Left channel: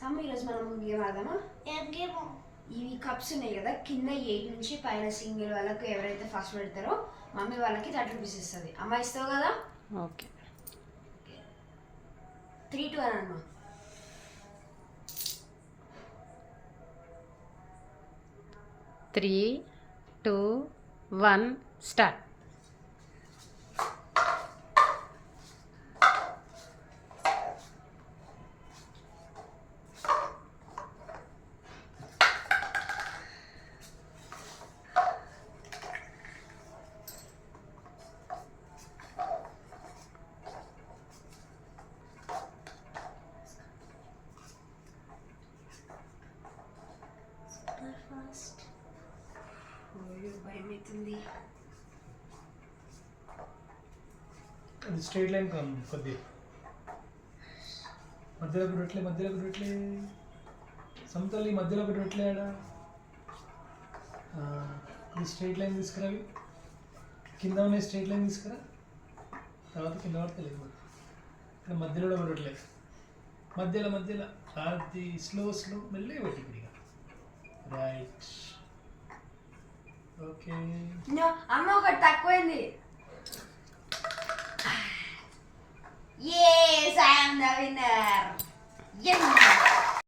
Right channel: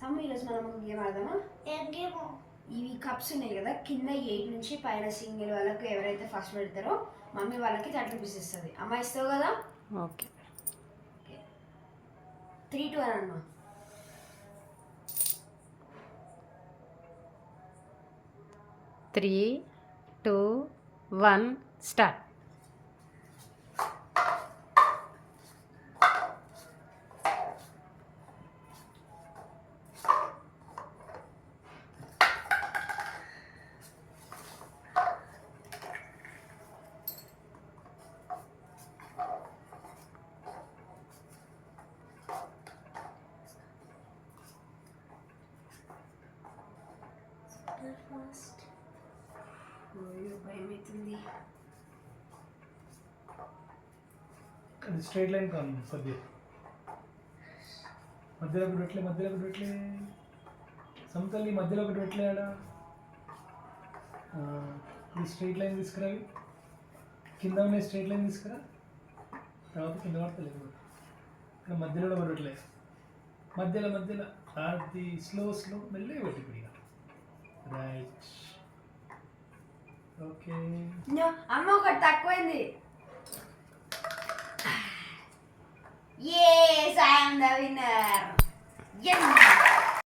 సమ్మ ఈరోజు మనం ఒక గేమ్ ఆడదామా? ఇవి కప్స్ ఉన్నాయి కదా, కింద 8 నుంచి పైన సింగిల్ వాళ్ళకు ఎవరైతే ఫస్ట్ పెడతారో మమ్మీ వాళ్ళకి 30 రూపీస్ ఇస్తుంది. అమ్మ ఇస్తావు కదా? ఓకే. 3, 2 అని అమ్మా. 3, 2, 1 స్టార్ట్. ఫస్ట్ భయం అవుతుంది. అది స్ట్రైట్ లైన్ కాదు, కొద్దిగా మధ్యలో పెట్టలే సమతల్లి మధ్యలో పెట్టలే ఆడ. ఇది స్ట్రైట్ లైన్ తీసుకురావి, కింద ఉన్నాయి స్ట్రైట్ లైన్ తీసుకురా, తర్వాత కింద పడతలేదు. ఇక్కడ మధ్యలో కూడా పెట్టలేదు, మధ్యలో అది స్లో మెల్లగా పెట్టి ఇప్పుడు రైట్. ఓకే అమ్మ ఒక